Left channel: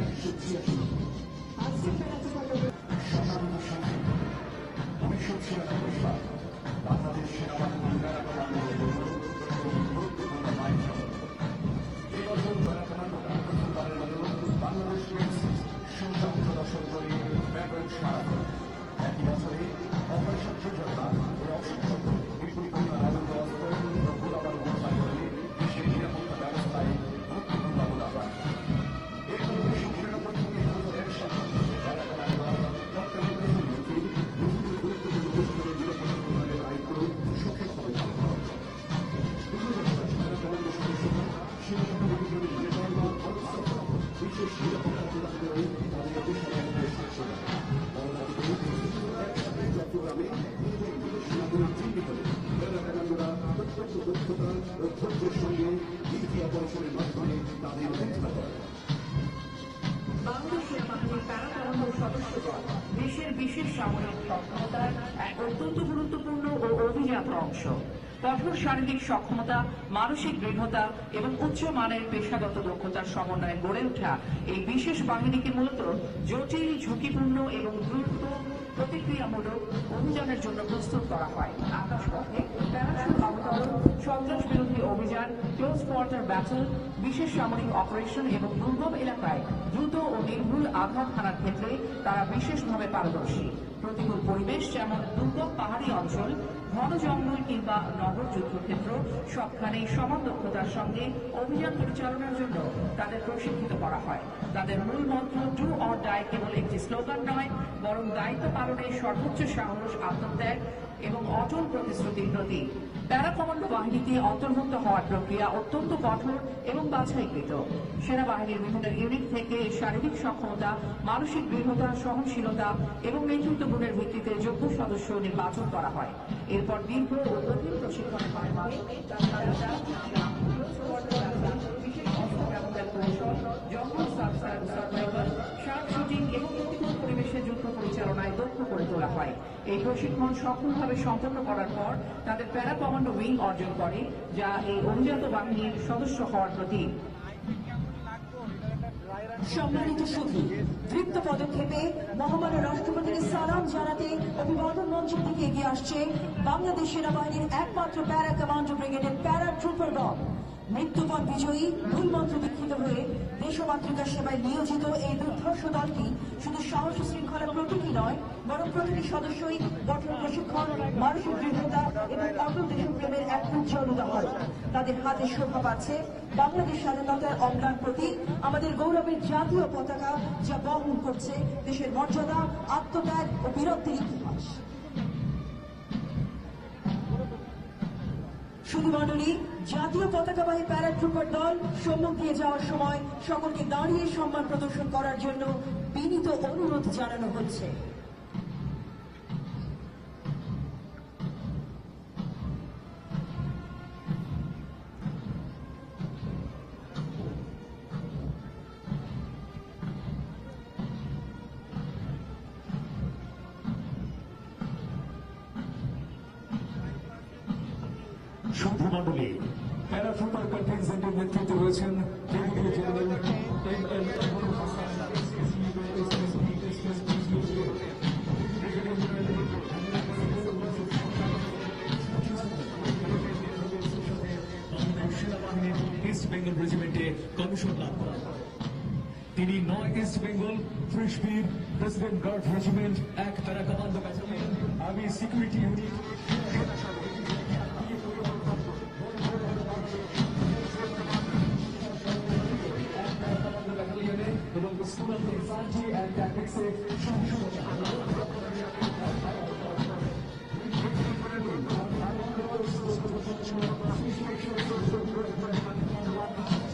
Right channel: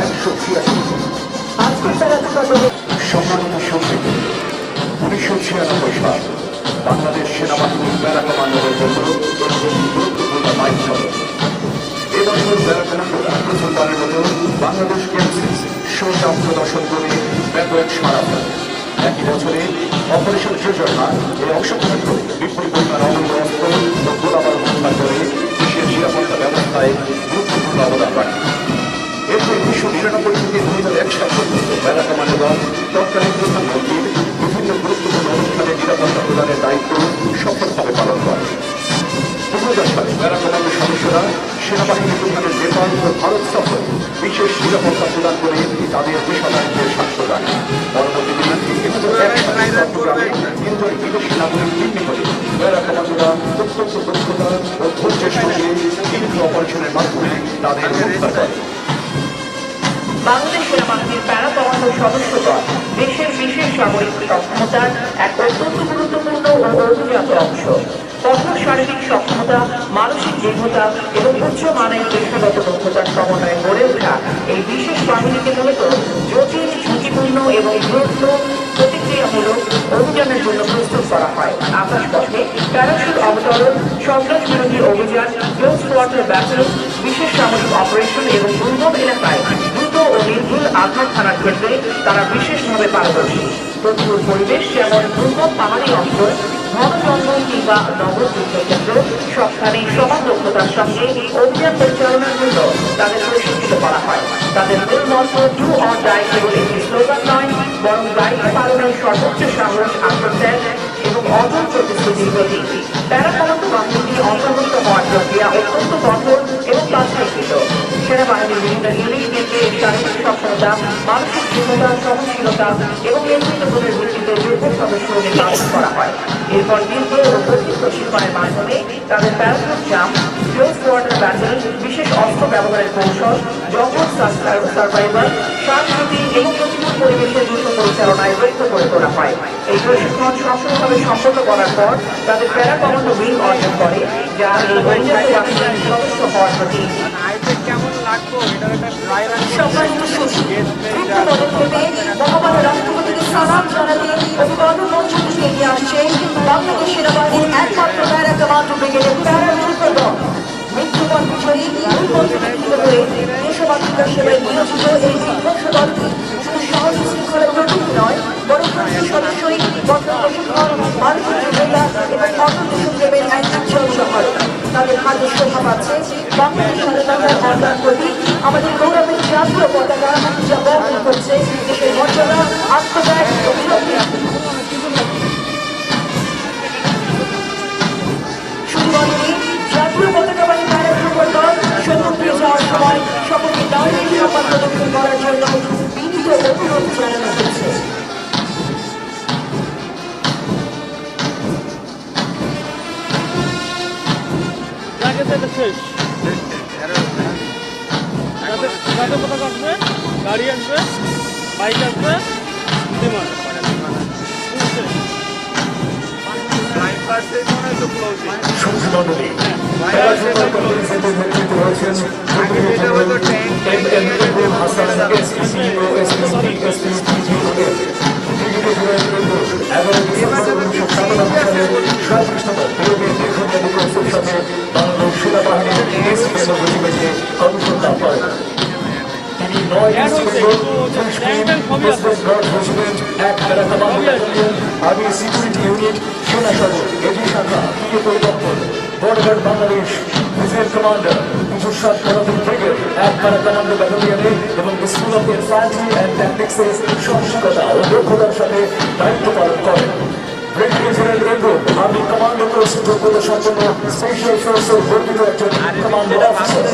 186। সম্মানিত সংস্কৃতি 1996 সাল বাংলাদেশ সেনাবাহিনীর প্যারা কমান্ডারের জন্য গুরুত্বপূর্ণ মাইলফলক। এবছর প্যারা কমান্ডাররা প্রথমবারের মতো বাংলাদেশ গেমসে শোটাপ প্রদর্শন করে ব্যাপক সাড়া পায়। একই বছরে অপারেশন জয়জয়মা এই অংশগ্রহণ করে বিপুল পরিমাণ অবৈধ অস্ত্র ও গোলাবারুদ উদ্ধার করে দেশের নিরাপত্তা ব্যবস্থায় গুরুত্বপূর্ণ অবদান রাখে। এরপর 1999 থেকে 2001 সাল পর্যন্ত প্যারা কমান্ডোরা তৎকালীন প্রধানমন্ত্রীর বিভিন্ন গুরুত্বপূর্ণ অনুষ্ঠানে নিরাপত্তা প্রদানের দায়িত্ব সফলভাবে পালন করে। 2000 সালে প্যারা কমান্ডোর সদস্যরা সেনাবাহিনী প্রধানের নেপাল ও ভারত সফরে বিশেষ নিরাপত্তা প্রদান করে তাদের পেশাদারিত্বের সাক্ষ্য রাখে। পরবর্তী দিনে 2001 সালে চট্টগ্রামে তিনজন বিদেশি নাগরিক বিক্রি করে প্যারা কমান্ডোরা অত্যন্ত দক্ষতা ও ধৈর্যের সঙ্গে দীর্ঘ অপারেশনের মাধ্যমে তাদের উদ্ধার করে। বাংলাদেশ সেনাবাহিনীর প্যারা কমান্ডো সদস্যগণ দেশের বিশেষ সামরিক সক্ষমতার এক অত্যন্ত গুরুত্বপূর্ণ ও অভিজাত অংশ। কঠোর শারীরিক সক্ষমতা, মানসিক দৃঢ়তা এবং উচ্চ মানের পেশাগত দক্ষতার সমন্বয়ে গড়ে ওঠা এই বিশেষ বাহিনীকে মূলত জটিল, ঝুঁকিপূর্ণ এবং দ্রুত প্রতিক্রিয়ামূলক অভিযানের জন্য প্রস্তুত করা হয়। আকাশপথে প্যারাশুট অবতরণ, সন্ত্রাস বিরোধী অভিযান, ক্লোজ কোয়ার্টার ব্যাটল, বিশেষ সামরিক অপারেশন এবং দুর্গম এলাকায় দ্রুত ও নির্ভুল আঘাত হানার ক্ষেত্রে তারা বিশেষভাবে পারদর্শী। প্রতিকূল পরিবেশ যেমন দুর্গম পাহাড়ি অঞ্চল, ঘন জঙ্গল কিংবা নগর যুদ্ধক্ষেত্র সবখানেই সমান দক্ষতার সঙ্গে অভিযান পরিচালনার জন্য তাদের প্রশিক্ষিত করা হয়। তাদের মূল মন্ত্র ডু অর ডাই কেবল একটি স্লোগান নয়, বরং দায়িত্ব পালনের সর্বোচ্চ সাহস, আত্মত্যাগ এবং অটল প্রতিশ্রুতির প্রতীক। প্যারা কমান্ডো বাহিনীতে অন্তর্ভুক্ত হওয়ার প্রক্রিয়া অত্যন্ত কঠোর এবং বাছাইকৃত। সেনাবাহিনীর বিভিন্ন ইউনিট কেন্দ্রে শারীরিক সক্ষমতা, মানসিক দৃঢ়তা, সহনশীলতা এবং নেতৃত্ব গুণের ভিত্তিতে যোগ্য সদস্য নির্বাচন করা হয়। এরপর দীর্ঘ ও কঠিন প্রশিক্ষণের মাধ্যমে তাদের parachute jump, close quarter battle, বিশেষ অস্ত্র ব্যবহারের কৌশল, জঙ্গল সার্ভাইভাল, শ্বাস শুটিং এবং প্রতিকূল পরিবেশের দ্রুত পরিচালনায় দক্ষ করে তোলা হয়। এই প্রশিক্ষণ সফলভাবে সম্পন্ন করার পর তাদের প্যারা কমান্ডো উইং অর্জন করে, যা এই অভিযান বাহিনীর সদস্য হওয়ার প্রতি সম্মানিত সুশী। দ্রুত পদক্ষেপে মহামান্য রাষ্ট্রপতিকে সালাম জানাতে অভিবাদন মঞ্চ থেকে এগিয়ে আসছে বাংলাদেশ সেনাবাহিনীর একমাত্র প্যারা কমান্ডো ব্রিগেডের প্যারামিলিটারি দল। মৃত্যুবরণ বিজয়ী মূল মন্ত্রীকে ঘিরে হয়ে দেশবাসীর সেবায় নিয়োজিত এই বিধ্বংস দলটি শুধু সহজ শৃঙ্খলার প্রতীক নয়, বরং প্রতি সদস্যই কঠোর প্রশিক্ষণ, মানসিক দৃঢ়তা এবং অটল দেশপ্রেমের এক উজ্জ্বল শহর। তাদের হাতে শোভা পাচ্ছে বাংলাদেশ স্বাধীনতার অর্জন প্রতীক, আমাদের গৌরবের জাতীয় পতাকা, যা বহন করছে দেশের মর্যাদা, আত্মত্যাগ ও বীরত্ব। শুধু বলেনি, জাতীয় পতাকাবাহী প্যারাশুট দল শত্রুকে যাওয়ার সময় সকলকে দলের সম্মান প্রদর্শন করার জন্য বিনীত অনুরোধ জানানো হয়েছে। গাড়ি আসবে, বাইক আসবে, বিমান আর্মি সিকিউরিটি ইউনিট, সেনা সদর, এজি শাখা, পরিদপ্তর, বর্ডার বাংলাদেশ, ভিজুয়াল কমান্ডার, 207 পদাতিক ব্রিগেড, এক প্যারা কমান্ডো ব্যাটালিয়নে এবং স্কুল অফ ইনফ্যান্ট্রি অ্যান্ড ট্যাকটিক্সের সহযোগিতা ও দক্ষতার সাথে দায়িত্ব পালন করেন। Brigadier general Andrew army commando course যোগ্যতা সম্পন্ন স্পেশাল ফোর্সের বর্ধিত একজন কমান্ডো অফিসার।